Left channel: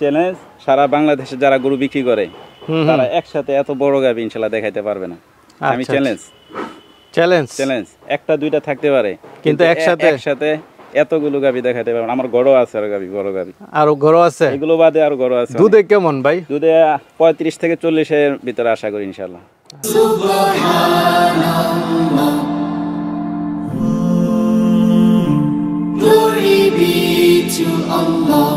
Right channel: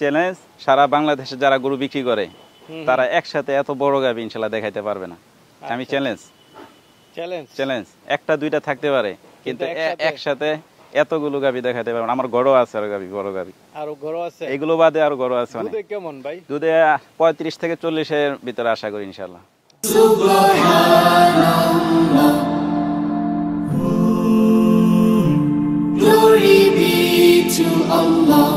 Challenge সারা বাংলাদেশে যারা গরু বিক্রি করে তারা একসাথে এত বড় গাভী ইনশাআল্লাহ দেখাইতে পারবে না। আমি চ্যালেঞ্জ চ্যালেঞ্জ একটা দুইটা থাকতে পারে কিন্তু একসাথে এতগুলো গাভী দেখাইতে পারবে না। আমার গরু আছে আর গাভী বড় গাভী আর গরু আছে, এগুলো বাদে আর গরু আছে। দুধে কেমন ভাই? দুধে 35 থেকে 40 এর ভিতরে আশা করি ইনশাআল্লাহ। Glory be to Allah.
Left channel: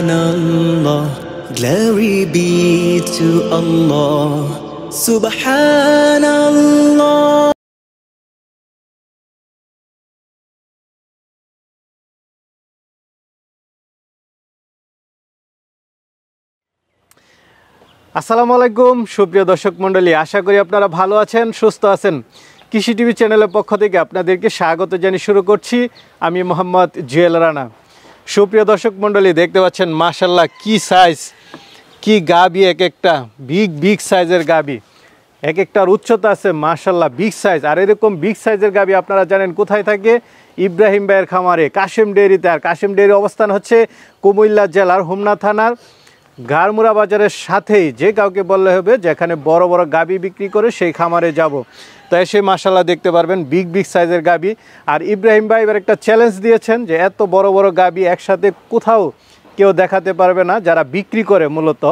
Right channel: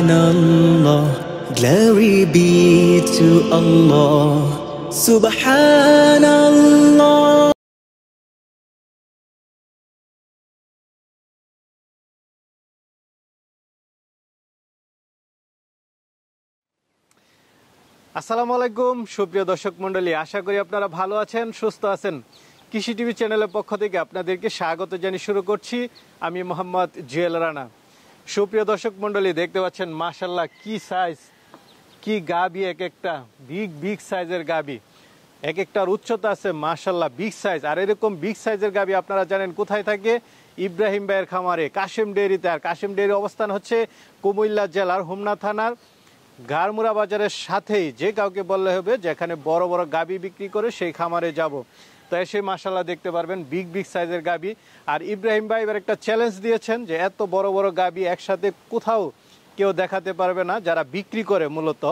Subhanallah, glory be to Allah. Subhanallah. আসসালামু আলাইকুম সুপ্রিয় দর্শক মণ্ডলী, আশা করি আপনারা ভালো আছেন, সুস্থ আছেন। কৃষি টিভি চ্যানেলের পক্ষ থেকে আপনাদেরকে স্বাগত জানিয়ে শুরু করছি আমি মোহাম্মদ জুয়েল রানা। সুপ্রিয় দর্শক মণ্ডলী, দেখতে পাচ্ছেন মাশাআল্লাহ কি সাইজ, কি গাবি, এক একটা বিগ সাইজের গাবি, এক একটার উচ্চতা আছে মাশাআল্লাহ বিগ সাইজ। আর এরকম বিগ সাইজের গাবি আপনারা জানেন কোথায় থাকে? ইব্রাহিম ভাইয়ের খামারে, কাশেম ডেয়ারিতে। আর কাশেম ডেয়ারির অবস্থান হচ্ছে কুমিল্লা জেলার হোমনা থানার গারমুরা বাজারের সাথেই। যে কাউকে বললে হবে যেখানে বড় বড় গাবি বিক্রি করে সেই খামারে যাব, তো এসে মাশাআল্লাহ দেখতে পারবেন বিগ সাইজের গাবি। আর ইব্রাহিম ভাই এবার একটা চ্যালেঞ্জ দিয়েছেন যে এত বড় বড় গাবি একসাথে কোথাও কেউ দেখাতে পারবে না যারা বিক্রি করে মূলত।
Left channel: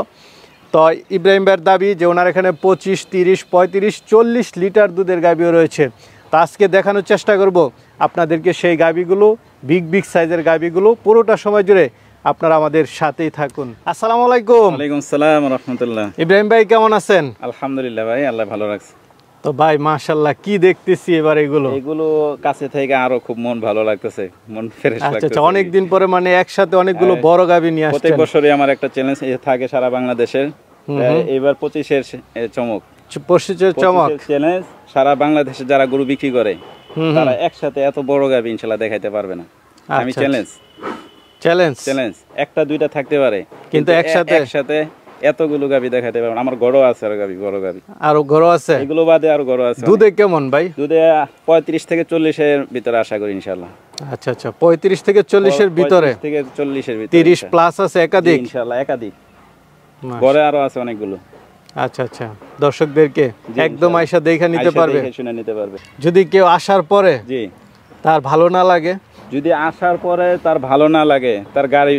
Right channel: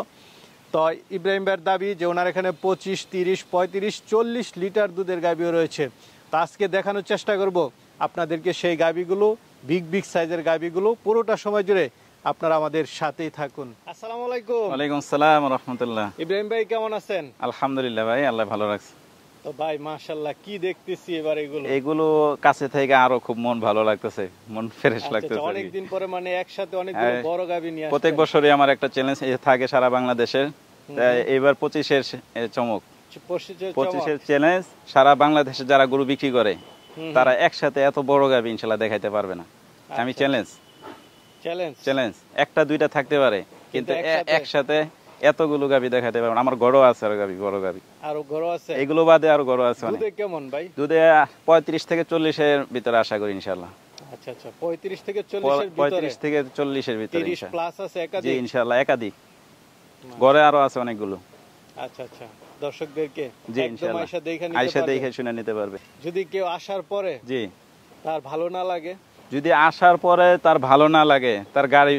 তো ইব্রাহিম ভাইয়ের দাবি যে ওনার এখানে 25, 30, 35, 40 লিটার দুধের গাবিও রয়েছে। তো আজকে দেখানোর চেষ্টা করব আপনাদেরকে সেই গাবিগুলো, বিগ সাইজের গাবিগুলো। পুরোটা সময় জুড়ে আপনারা আমাদের সাথেই থাকুন। আসসালামু আলাইকুম। ওয়ালাইকুম আসসালাম ওয়া রাহমাতুল্লাহ। ইব্রাহিম ভাই কেমন আছেন? আলহামদুলিল্লাহ ভাই, আল্লাহ ভালো রাখছে। তো ভাই মাশাআল্লাহ কি দেখতেছি এবার এগুলো কাছে থেকে আরো খুব মন ভালো লাগতেছে, মন ফ্রেশ লাগতেছে। আচ্ছা, অনেক দিন পরে মানে একসাথে অনেকগুলো বড় গাবি নিয়ে আসছেন। প্রত্যেক বছরই আমার একটা চ্যালেঞ্জ থাকে সারা বাংলাদেশে। এবার 25 এর চমক, 25 এর চমক চ্যালেঞ্জ সারা বাংলাদেশে যারা গরু বিক্রি করে তারা একসাথে এত বড় গাবি ইনশাআল্লাহ দেখাইতে পারবে না। আমি চ্যালেঞ্জ একটা দুইটা থাকতে পারে কিন্তু একসাথে এতগুলো গাবি দেখাতে পারবে না। আমার গরু আছে আর গাবি বড় গাবি, আর গরু আছে, এগুলো বাদে আর গরু আছে। দুধে কেমন ভাই? দুধে 35 থেকে 40 এর ভিতরে আশা করি ইনশাআল্লাহ। আচ্ছা 35 থেকে 40 এর ভিতরে, 35 থেকে 40 এর ভিতরে, 30 প্লাস আছে একাধিক ইনশাআল্লাহ, একাধিক ঘরে আরো আছে অনেকগুলো। আচ্ছা দর্শকদেরকে একদম আয়সা দেখে নিতে পারবে, শুনে নিতে পারবে। যদি কেউ আসার পরে তার ভালো না লাগে, যদি আসার পরে তার ভালো না লাগে, তার গাড়ি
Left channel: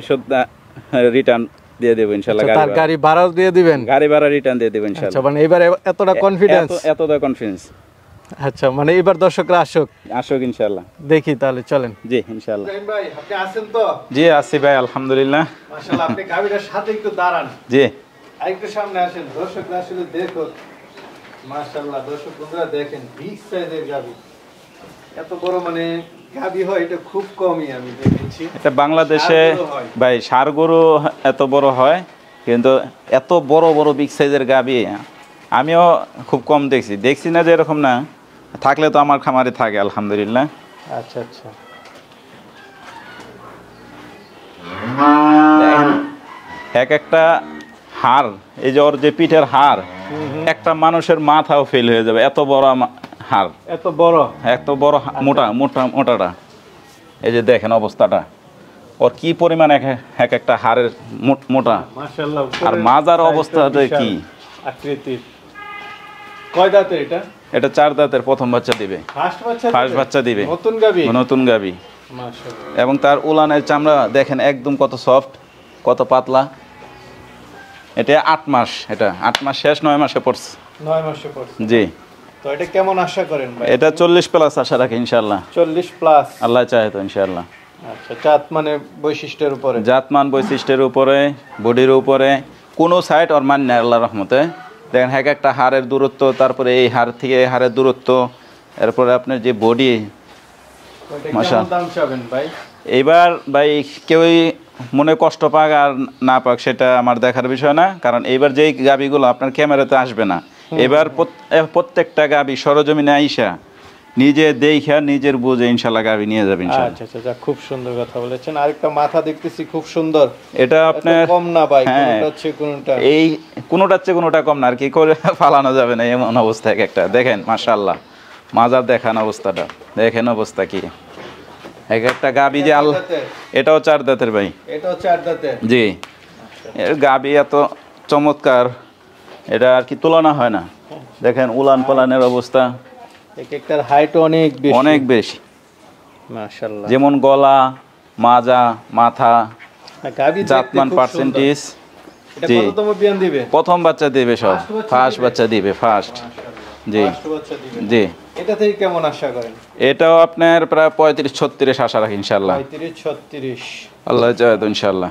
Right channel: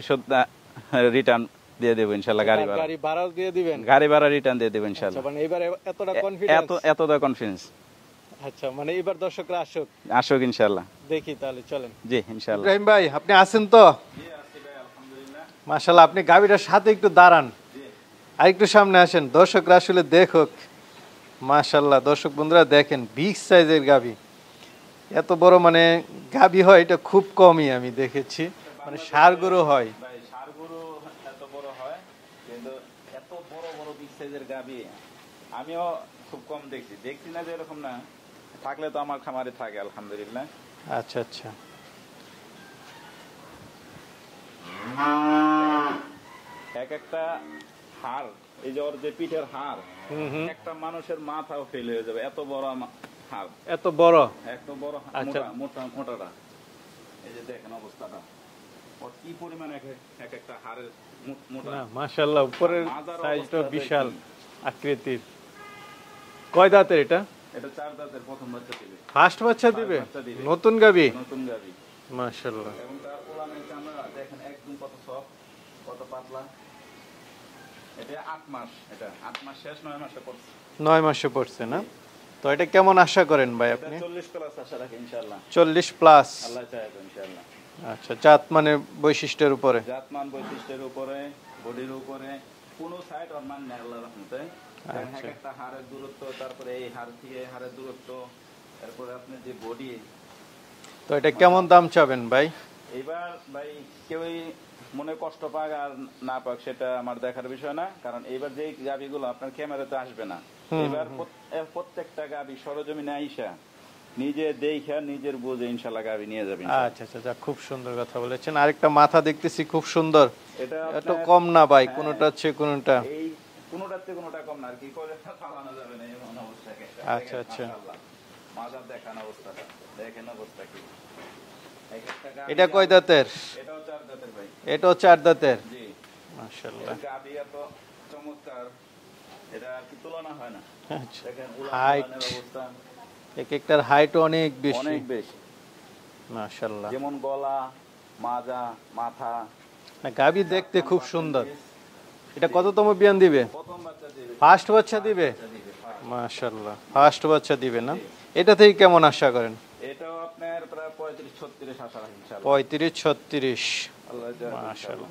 রিটার্ন দিয়ে দেব ইনশাআল্লাহ। তার গাড়ি ভাড়াও দিয়ে দিবেন? গাড়ি ভাড়া রিটার্ন দিয়ে দেব ইনশাআল্লাহ। আচ্ছা, মানে এবারে এতটা কনফিডেন্স? এতটা কনফিডেন্স। আচ্ছা, মানে এবার দর্শকরা আসুক ইনশাআল্লাহ। দেখি তাহলে, চলেন। জি ইনশাআল্লাহ। ইব্রাহিম ভাই আপনি আছেন তো? জি আছি ভাই, আলহামদুলিল্লাহ। মাশাআল্লাহ, আপনি গাবিটার সাথে একটু দাঁড়ান। জি, আর একটু সামনে আসেন, দর্শকরা আসলে দেখুক। মাশাআল্লাহ, দর্শক বন্ধুরা দেখেন বিগ সাইজের গাবি। এত বড় মানে গাবি হয় এটা খুব কমই আমি দেখেছি। এটা বাংলাদেশে ভাই ষাঁড় গরু এত বড় হয়, কিন্তু এত বড় বড় বিগ সাইজের গাবি আমিও খুব কম দেখছি না যে এরকম না, থাকলে তো আমার খামারে থাকে আলহামদুলিল্লাহ। আচ্ছা এক একটা হাড়, এই যে ওর যে পিঠের হাড়, একটা মানুষের মাথাও ফেল হয়ে যাবে, এত বড় হাড়, এত বড় মোটাটা। এই যে দেখেন অবস্থাটা, ওর কি পরিমাণ এক একটা হাড়ের মোটা, আর মাজার অবস্থাটা কি। কয় দাঁতের এটা? এটা 4 দাঁতের, প্রথম বাচ্চা দিবে, ফার্স্ট বাচ্চা দিবে, নতুন গাবি। মাশাআল্লাহ। এবং তার উলানের চামড়া দেখেন একদম কত সফট, কত পাতলা। এটা 8 মাস, এটা 8 মাস শেষ, 9 মাসে পড়ছে। 9 মাসে পড়ছে, জি। তো এটা কেমন আশা করেন ভাই? এটা 40 প্লাস আশা রাখি ইনশাআল্লাহ। 40 প্লাস আল্লাহ চাহে তো ইনশাআল্লাহ। আচ্ছা, জাতমান বৈশিষ্ট্যের উপরে, বডির উপরে কোনো সাইড ওর মান নেই আল্লাহর রহমতে। দেখেন এক একটা হাড়ের দূরত্ব, তারপরে এই হাড় থেকে এই হাড়ের দূরত্ব, এরপরে আপনার যে বডি। তো এটা কেমন দাম চাবেন ভাই? এইবার ভাই কেউই মনে কষ্ট পাক আর না পাক সেটা আমার দেখার বিষয় না, কারণ এইবার যেই গাবিগুলো আপনার ক্যামেরাতে আসবে না, এবার প্রত্যেকটা গাবি সরজমিনে আইসা নিজে দেখা নিজের বুঝে ইনশাল্লাহ গাবি নিয়ে যাবে ইনশাল্লাহ। আচ্ছা আচ্ছা, খুব সুন্দর কথা বলেছেন। আরেকটা মাথা দেখতেছি খুব সুন্দর, এটা আপনার কম না ভাই, হ্যাঁ, কোনটা হচ্ছে কোনটা? এই কোনোটার চেয়ে কোনোটা কম না আর কি করে ফালানো যাবে না এমন অবস্থা এক একটা। দেখেন মাশাআল্লাহ মাজার দেখান অবস্থাটা, দেখেন অবস্থা কি এক একটা গাবি যে আল্লাহ। এটাও 4 দাঁতের ভাই, এটাও 4 দাঁতের। জি, এর গাবি এত চমৎকার, এটা আর কি তুলনা হয় না। দেখেন উলান পালানের অবস্থা, এক একটার হাইট অনেক বেশি, অনেক বেশি মাশাআল্লাহ। যেমন গলা, মাজা, মাথা, গাবি জাতমান পার্সেন্টেজ। এটা জি, কততম বিয়ান দিবে? প্রথম বাচ্চা দিবে, সব First বাচ্চা ফার্স্ট দিবে? বাচ্চা দিবে, ফার্স্ট। মাশাআল্লাহ, জি। ফার্স্ট বাচ্চা দিবে না? জি। এটা থেকে কেমন আশা করেন? এটাও আপনার প্রায় 35-36 আশা রাখি ইনশাল্লাহ, 35-36। আল্লাহ চায় তো ইনশাল্লাহ।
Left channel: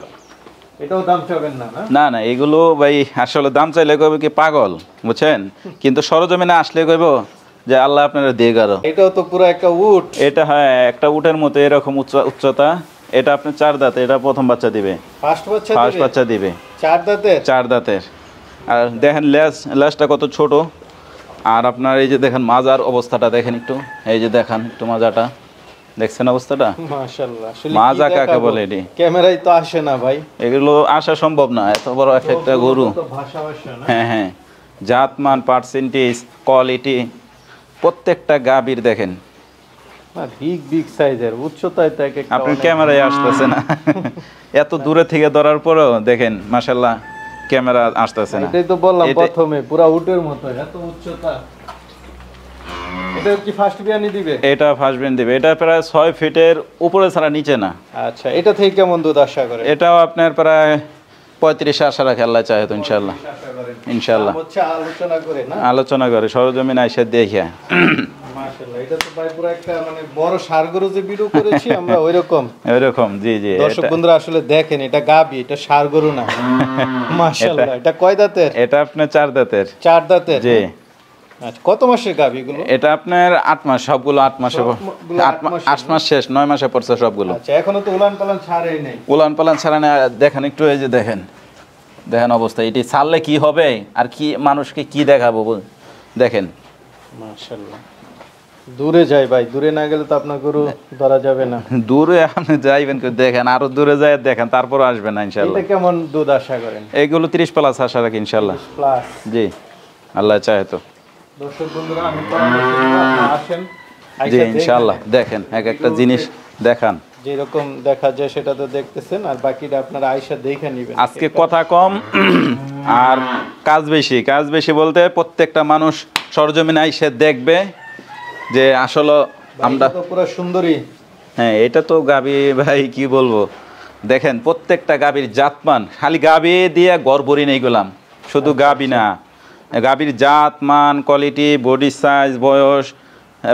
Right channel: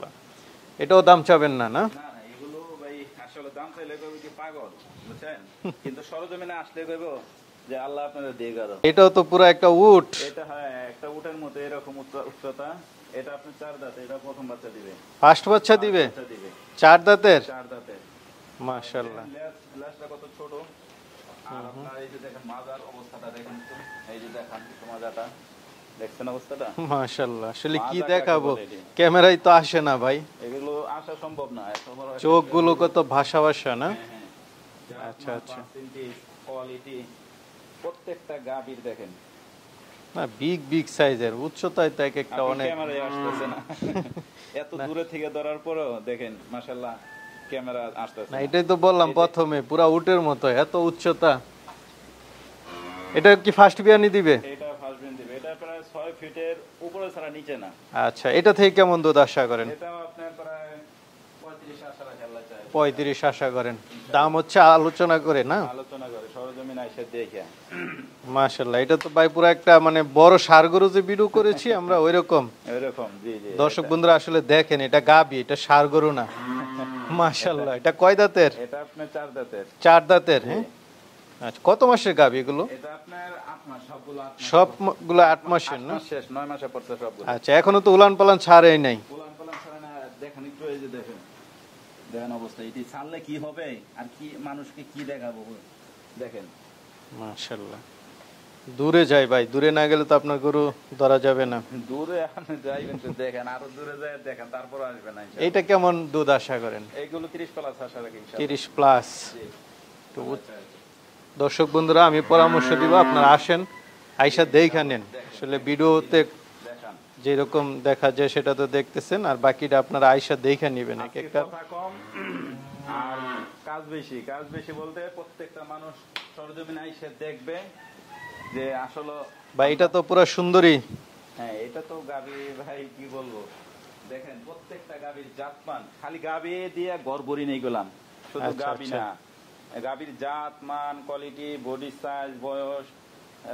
এটাও দাম চাবেন না? না না না, এগুলো ভাই আসলে দাম চাইলে কইবে কি পাগল, বুঝছেন, কিন্তু সরজমিনে আসলে কইব যে আল্লাহ আপনারা দিয়ে গেল। এটাও তো পুরো একটা উট। এটা হ্যাঁ একটা উটের মতো এরকম উচ্চতা। এটা আপনি 4 দাঁতে, এটা প্রথম বাচ্চা দিবে, ফার্স্ট বাচ্চা ফার্স্ট দিবে? বাচ্চা দিবে 4 দাঁতের? 4 দাঁতের। আর দেখেন লেজটা কত ছোট। আর আপনার এই যে দেখেন মাজার অবস্থাটা দেখেন একটু, এই যে দেখেন একটু মাজাটা, দেখছেন অবস্থাটা? মাশাআল্লাহ, আসলে মাজা কি কাকে দেখাবো? বলে এটি? ক্যামেরায় তো আসে না ভাই, এগুলো আসা সম্ভব না, এত বড় একটা গরু। তো ভাষা ভাষা না? হ্যাঁ হ্যাঁ, জাতমান, পার্সেন্টেজ, কোয়ালিটি প্রত্যেকটা গাবির দেখেন। বিগ বিগ সাইজের, উচ্চতায় তো এক একটা আপনার অনেক। ক্যামেরায় আসতেছে না, এত দূরে থেকে ধরার পরেও দেখেন মাশাআল্লাহ ক্যামেরা আসতেছে না। এটাই তো বললাম এটা- প্রথমে, পুরা উটের মতো এত উচ্চতা। এটা কি ফার্স্ট বিয়ানি দিবে? এটা ফার্স্ট বেন দিবে, এটা প্রায় 6 ফিটের উপরে ছাড়া নিচে না। আচ্ছা, এটা থেকে কেমন দুধ আশা করেন? এটাও আপনার প্রায় 35 আশা রাখে আল্লাহ চাহে তো ইনশাল্লাহ। 35 আশা করেন ইনশাআল্লাহ। দাম হচ্ছে আলোচনা করে না? আলোচনা করে সরজমিন আইসা দেখিয়া। মাশাআল্লাহ, এটা তো ভাই পুরো একটা মানে বড় ষাড়গরু যে বিরু করেছি আমরা ওইরকম। এরকম, জি জি। দর্শক বন্ধুরা আসলে দেখেন, এটা গাবি, এটা ষাড়গরু না। মাশাআল্লাহ, এটা কয় দাঁতের? এটা আপনার 4 দাঁতের। 4 দাঁতের? জি। আচ্ছা, কত মাসের গাবি এগুলো? এটা আপনার 8 মাস, সবগুলো 8 মাসে, সবগুলো 8 মাসের? 8 মাস শেষ, 9 মাসে পড়ছে সবগুলো। আচ্ছা, এখনো তো উলান পালান ছাড়েই নাই। উলান পালান ছাড়া না, দেখেন একটু, এই যে দেখেন, দেখেন অবস্থা, এটি ছাড়লে কি হবে আর কি মানুষকে কি দেখাবো দেখেন। মাশাআল্লাহ, দূরে যাই ভাই, দূরে না গেলে তো আপনার গরু ধরা যাবে না। দূরে আপনি যাইবেন, দেখেন আরো দূরে যায় দেখেন, তারপর আসবেন না ইনশাআল্লাহ। এটা কেমন দুধ আশা করেন? এইগুলো 30 প্লাস আশা রাখি ইনশাআল্লাহ। 30 প্লাস? জি, আল্লাহ চাহে তো। দর্শক বন্ধুরা, আমি পরামর্শ দিব আপনারা আসেন, জি আইসা দেখেন। ইনশাআল্লাহ, দেখেন এক একটা জিনিস দেখান। যেরকম দেখা যায় সেটা তো দেখতেছেন, আর বাকিটা আপনারা আইসা দেখে নেবেন। আজকে কথা কম আর কাজ বেশি। কাজ বেশি বলতে প্রত্যেকটা মানুষ সরজমিনে আইসে দেখবে যে আসলে আমরা তো পুরো সুন্দরী। হ্যাঁ, এটা তো গাবি ভাই কি বলবো, দেখেন প্রত্যেকটা গাবির জাতমান, খালি গাবি দিয়ে গড়বড়ি নেই গেলাম, শুধু গাবি না, গাবির জাতমান, কোয়ালিটি, বডি সাইজ, বয়স,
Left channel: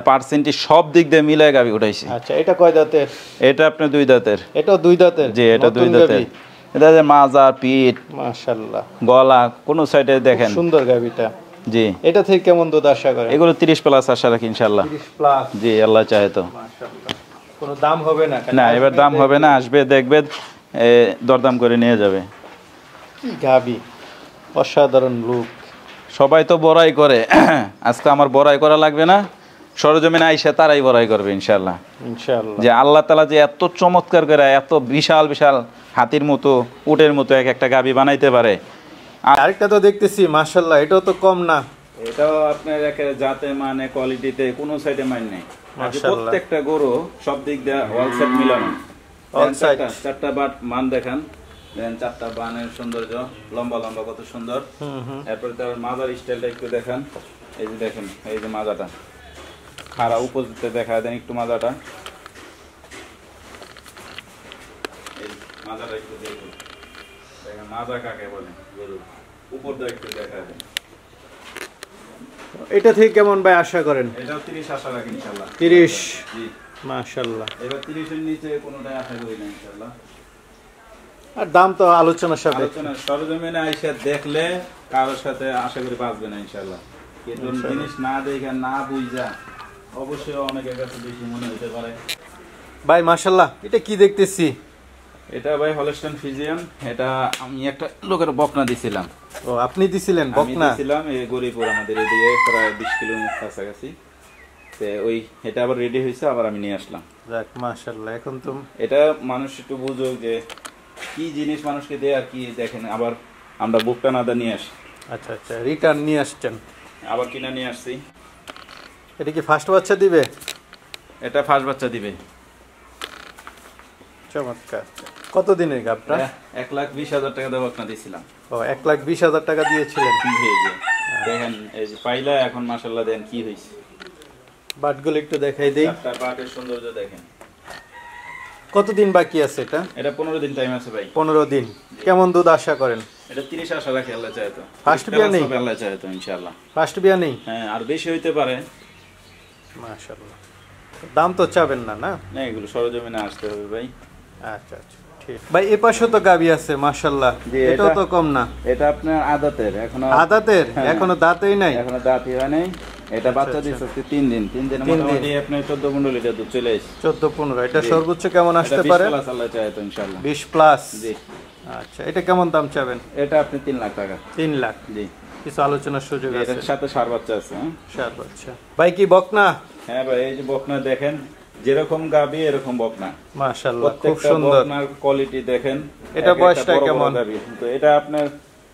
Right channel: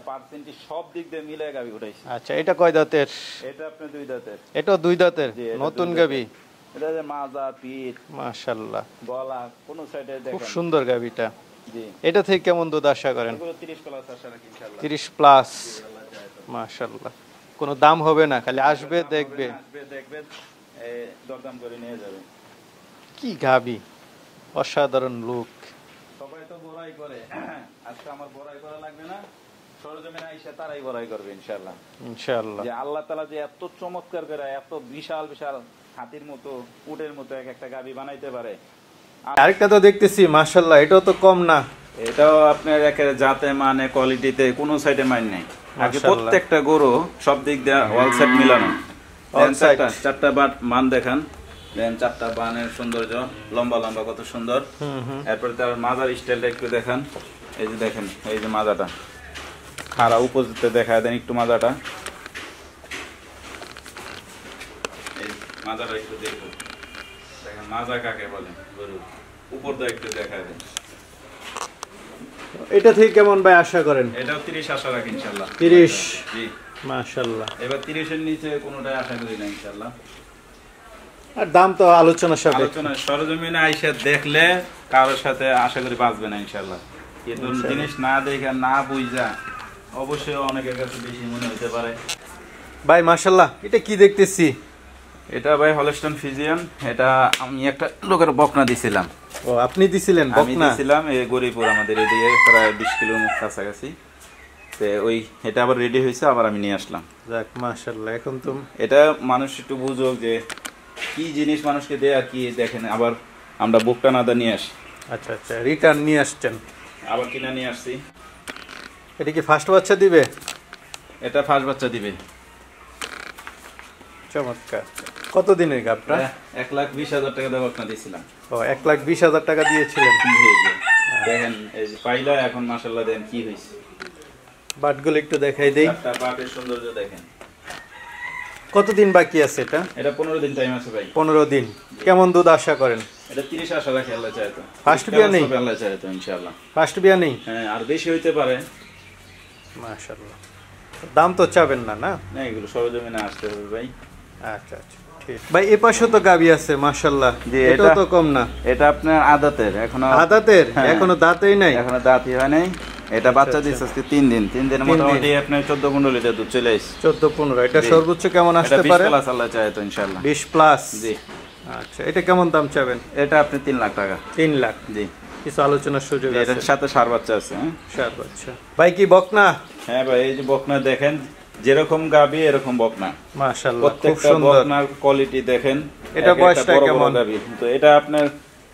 পার্সেন্টেজ সব দিক দিয়ে মিলে গাবি উঠাইছি। আচ্ছা, এটা কয় দাঁতের? এটা আপনার 2 দাঁতের। এটাও 2 দাঁতের? জি, এটা 2 নতুন দাঁতের। গাভী? এটা যে মাজা, পিঠ, মাশাআল্লাহ, গলা, কোন সাইডে দেখেন। সুন্দর গাভীটা। জি, এটা থেকে কেমন দুধ আশা করেন? এগুলো 30 প্লাস আশা রাখি ইনশাআল্লাহ। 30 প্লাস? জি, আল্লাহ চাহে তো। মাশাআল্লাহ, কোনো দাম হবে না? খালি না, আসবে, এবার দাম হবে না, দেখবে। আসবে দেখবে, দরদাম করে নিয়ে যাবে। কি গাভী, অসাধারণ লুক। সবাই তো বড়াই করে, আজকে আমার বড়াই করা লাগবে না, সরজমিনে আইসা তারাই বড়াই করবে ইনশাআল্লাহ। ইনশাআল্লাহ। যে আল্লাহ তাআলা যে এত চমৎকার করে, এত বিশাল বিশাল হাতির মতো, উটের মতো এক একটা গাভী বানাইতে পারে। আরেকটা তো দেখতেছি, মাশাআল্লাহ, এটাও তো কম না। এটাও আপনার একের জাতে, মানে, কোয়ালিটিতে কোনো সাইডে মান নেই। মাশাআল্লাহ। প্রত্যেকটা গরু সব দিক দিয়ে অল সাইড মিলানো। All side। চারটা বাট মান দেখান, দেন 4টা বানের সৌন্দর্য, লম্বা লম্বা কত সুন্দর। এরপরে তার মাজার স্টাইলটা একটু দেখান, এই যে দেখেন, এই যে মাজাটা খাড়া উপজিতে দেখা দেন একটু মাজাটা, এই মাজাটা একটু দেখুন, দেখেন মাজা কাকে বলে গরু, উপর দিয়ে একটু দেখা দেন। এটা থেকে কেমন ভাই আশা করেন? এটাও 30 আশা রাখি ইনশাআল্লাহ। 30? জি, মাশাআল্লাহ। এবার 30 এর নিচে কোনোটাই আশা করি না ইনশাআল্লাহ। আর দাম তো আলোচনা সাপেক্ষে। আলোচনা সরজমিনে আইসা দেখলে কারোর সাথে আশা করি বাঁচবে না ইনশাআল্লাহ। কিন্তু জিনিস না দেখে না বুঝা অবশ্যই অনেকের কাছে বেশি মনে হতে পারে। ভাই মাশাআল্লাহ, এটা কি দেখতেছি? এটা ভাই হলস্টাইন ফ্রিজিয়ান, এটা আমি একটা লোকের বকনা দিছিলাম। ও, আপনি দিছিলেন আমি বকনা? দিছিলাম এই গরিপুর, আমাদের এদিকে প্রায় 20 কিলোমিটার কাছাকাছি। তো ওই এটা আবার রেডি হয়েছে, আবার আমি নিয়ে আসলাম। যাক মাশাআল্লাহ। এখন তো এটা মানুষ একটু বুঝুক যে কি জিনিস মানুষকে দেয় আর কি। দেখেন আবার আমরা বুকটা নাদা নিয়ে আসি, আচ্ছা আচ্ছা, রিটার্ন নিয়ে আসছেন, আবার কিনা নিয়ে আসছি। এটা কি ফার্স্ট বাচ্চা দিবে? এটা ফার্স্ট বাচ্চা দিবে। চমৎকার। কত দিনের গাবটা? 1,20,000 টাকা দেওয়া আপনার দিয়েছিলাম। ও 1,20,000 টাকা দিয়েছিলেন। দেখেন এই যে পাইলা, এখন মাশাআল্লাহ দেন কি হয়েছে। বাটগুলো একটু দেখাই দেই। একটা বাটের সৌন্দর্য দেখেন। কতদিন বাকি আছে এটা? এটা 15 দিন টাইম আছে ভাই। 15 দিন। কেমন দুধ আশা করেন? এটা 30 আশা রাখি, আল্লাহ চায় তো। ফার্স্ট বিয়া নেই? আল্লাহ চায় তো ইনশাআল্লাহ। ফার্স্ট বিয়া নেই? হ্যাঁ, আর বেশি হইতে পারে। মাশাআল্লাহ। দাম তো চাবেন না, না? না, এগুলো সরজমিনে আসতে হবে ভাই। আচ্ছা আচ্ছা, ঠিক। ভাই এই পাশে তো গাবি আছে মাশাআল্লাহ, জি, এটাও এটা- তো কম না। এটা আপনার আদাতের, এখনো আদাতের? হ্যাঁ। এখনো দাঁতই নাই? এখনো দাঁতই হয় নাই। এটা বাচ্চা আচ্ছা। দিচ্ছে আজকে 3 দিন। 3 দিনের 3 দিন। মোটামুটি আপনার 14-15 লিটার দুধ চলে আসছে। 14-15। এটা জি। সর্বোচ্চ কেমন আসতে এটা 20 পারে? প্লাস আল্লাহ চায় তো ইনশাআল্লাহ। 20 প্লাস। জি। আচ্ছা, এটা কেমন দাম চাবেন? এটা আপনি 3 লাখ টাকা। 3 লাখ। জি। কিছু আলোচনার সুযোগ আছে? এটার সাথে সার বাচ্চা আছে। হ্যাঁ? সার বাচ্চা। ভাই কি বকনা? হ্যাঁ ভাই, এই যে বকনা দেখেন, যেরকম গাবি এরকম বকনা। মাশাআল্লাহ, খুব প্রত্যেকটা সুন্দর। বকনার কোয়ালিটি দেখেন। এটা এক একটা বয়সটা বড় বড় কেমন? গাভী। তো এটা আপনার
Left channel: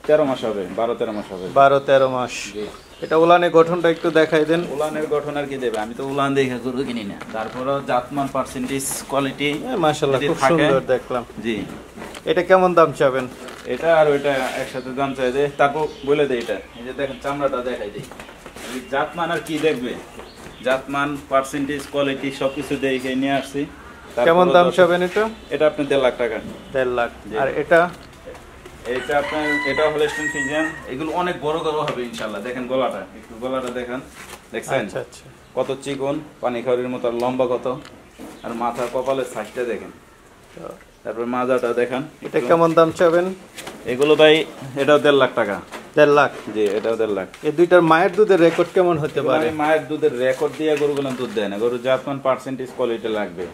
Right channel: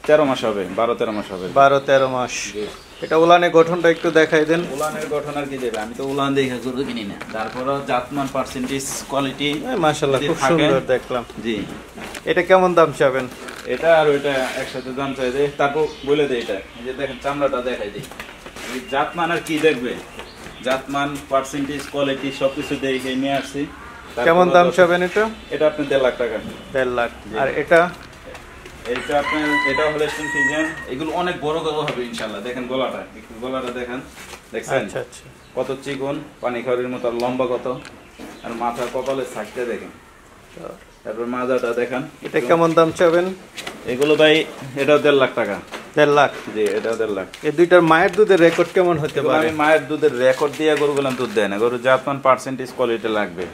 13 মাস হবে, 12-13 মাস হবে। 12-13 মাস। জি। এটা উলানের গঠনটা একটু দেখাই দেন। উলানের গঠন আর কি দেবে, আমি তো উলান দেখে গরু কিনি না। তারপরও জাতমান পার্সেন্টেজ কোয়ালিটি। মাশাআল্লাহ, খুব সুন্দর দেখলাম। জি। এটা কেমন দাম চাবেন? এটা আর ওইটা একসাথে দাম চাই দে, তারপর বলে দেয় এটা। এই যে দেখেন চামড়াটা দেখাই দিই। এই জাতমান আর কি দেখবে, জাতমান পার্সেন্টেজ কোয়ালিটি সবকিছু দেখে নিয়ে আসছি। কেমন দাম চাবেন এটা? এটা আপনি 1.5 লাখ টাকা। 1.5 লাখ। আর এটা? এইটা আপনার, এটা হলো স্টোন ফিজিয়ান। এগুলো অনেক বড় বড় হবে ইনশাআল্লাহ। দেখেন গলাটা, একটু গলাটা দেখেন। দেখছেন আচ্ছা আচ্ছা। কত চিকন, পানি খাওয়ার মতো, আর লম্বা কত, আর মাথার কপালের সাইজটা দেখেন। তারপর মাজাটা দেখেন। এটা কেমন দাম চাবেন? এগুলো ভাই, এটাও 1.5 লাখ টাকা। 1.5 লাখ। জি, এটাও 1.5 লাখ। এই দুইটার মায়ের দুধের রেকর্ড কেমন হতে পারে? আমি মায়ের দুধের রেকর্ড দিয়ে গরুগুলো দুধ দেয় না। গরু জাতমান পার্সেন্টেজ কোয়ালিটি লাগবে।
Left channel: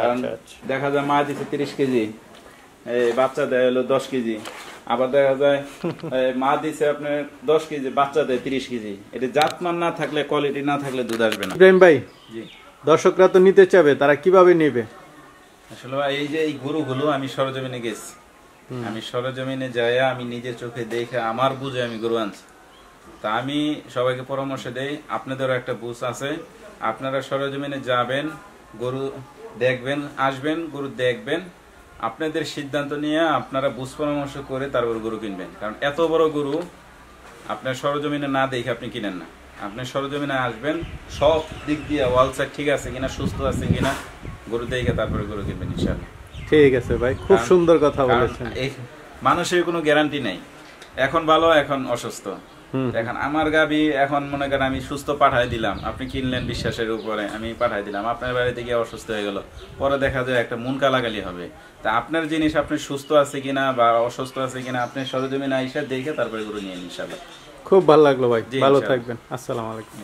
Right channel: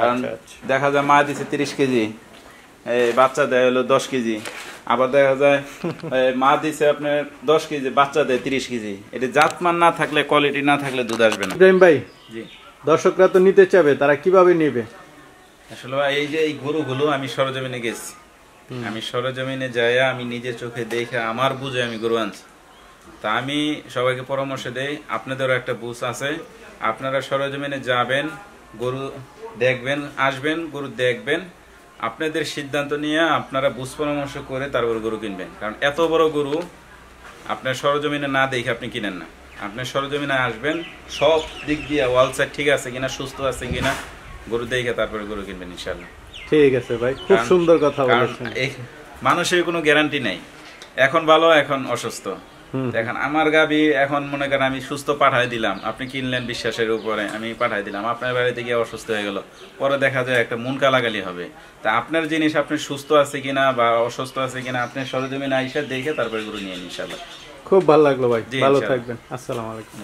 কারণ আচ্ছা আচ্ছা। দেখা যায় মা দিছে 30 কেজি, এই বাচ্চা দেয় হলো 10 কেজি। আবার দেখা যায় মা দিছে আপনার 10 কেজি, বাচ্চা দেয় 30 কেজি। এটা জাতমান না থাকলে, কোয়ালিটি না থাকলে দুধ আসবে না। ইব্রাহিম ভাই, জি। দর্শকরা তো নিতে চাবে, তারা কিভাবে নেবে? আসলে এই যে এই গরুগুলো আমি সরজমিনে গেছি। আমি সরজমিনে যাইয়া আমি নিজের চোখে দেখে আমার বুঝে আমি গরু আনছি। তা আমি সবাইকে পরামর্শ দেই, আপনাদেরও একটা বুঝ আছে, আপনারা সরজমিনে যাবেন, গরু দেখবেন, আসবেন, গরু দেখবেন, আপনাদের সিদ্ধান্ত নিয়ে আপনারা বুঝ পরামর্শ করে তারপর গরু কিনবেন। কারণ এত বড় গরু আপনার সরজমিনে না দেখে আপনি কিনেন না। আপনি সরজমিনে আসবেন, সব দিক দিয়ে ওয়াল সাইড ঠিক আছে কিনা, সুস্থ আছে কিনা, গরু দেখে তারপরে গরু কিনবেন ইনশাআল্লাহ। ঠিক আছে ভাই, খুব সুন্দর কথা বলেছেন। এই মানুষের কোনো গ্যারান্টি নাই, এখন ভালো এখন অসুস্থ। এখন আমার গাবি এখন মনে করেন আমি সুস্থ পাঠাই দিলাম, আপনি কিনলেন বিশ্বাসের উপরে, আমি পাঠাই দিলাম, আপনার বাড়িতে গিয়ে অসুস্থ হয়ে গেল, পরে দেখা যায় একটা মন কালাগালি হবে। তা আপনার জিনিস আপনি সুস্থ আছে কিনা বা অসুস্থ আছে কিনা আপনি সরজমিনে আইসা দেখে তারপরে গরু নিয়ে নিন ইনশাআল্লাহ। খুব ভালো লাগলো ভাই, জি, ভালো ইনশাআল্লাহ। থাকবেন। আসসালামু আলাইকুম।